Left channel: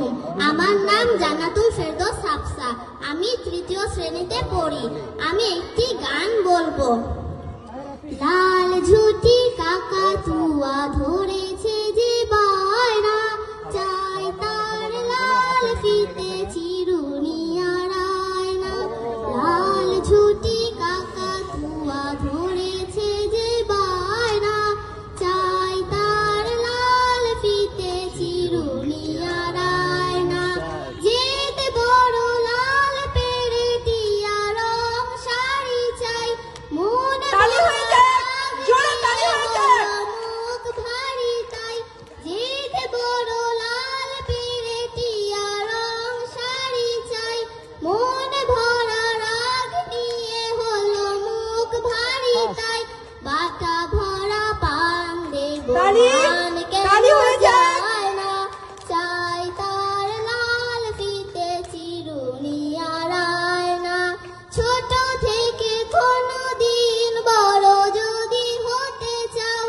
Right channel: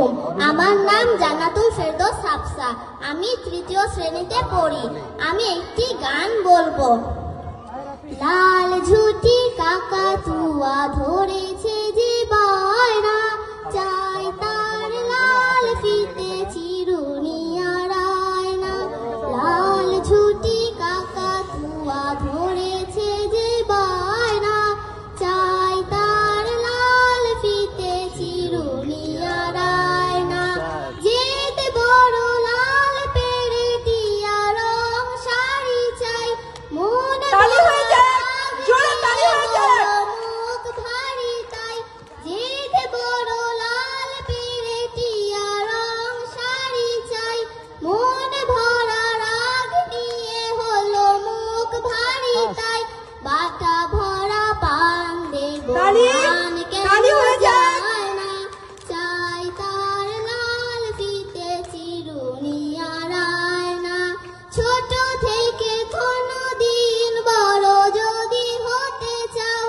আলাইকুম। আমার নাম জান্নাতুল ফেরদৌস হাফসা। আমি তৃতীয় শ্রেণীতে পড়ি। আমি একটি গান বলবো। লাল ঝুটি কাকাতুয়া ধরেছে যে বায়না, চাই তার লাল ফিতে চিরুনি আর আয়না। লাল ঝুটি কাকাতুয়া ধরেছে যে বায়না, চাই তার লাল ফিতে চিরুনি আর আয়না। যেতে বড় লাল পেরেটিয়া রং শাড়ি চাই, মনে মুখ ভারী তাই। যেতে বড় লাল পেরেটিয়া রং শাড়ি চাই, মন ভরা রাগ নিয়ে হলো মুখ ভারী তাই। বাটা ভরা পান দেব মান কেন যায় না, চাই তার লাল ফিতে চিরুনি আর আয়না। ছোট থেকে কোনদিন বড় যদি হতে চাও,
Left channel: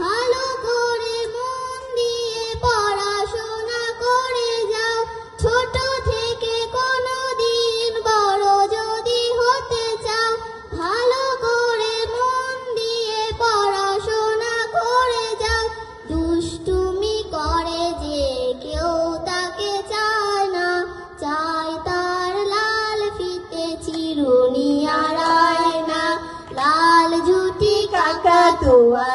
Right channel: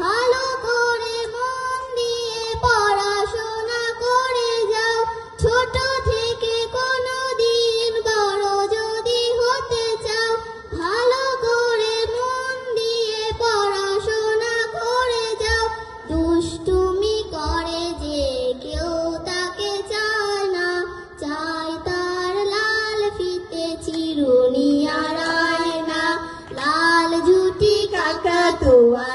ভালো করে মন দিয়ে পড়াশোনা করে যাও। ছোট থেকে কোনদিন বড় যদি হতে চাও, ভালো করে মন দিয়ে পড়াশোনা করে যাও। দুষ্টুমি করে যে কেউ তাকে চায় না, চাই তার লাল ফিতে চিরুনি আর আয়না। লাল ঝুটি কাকাতুয়া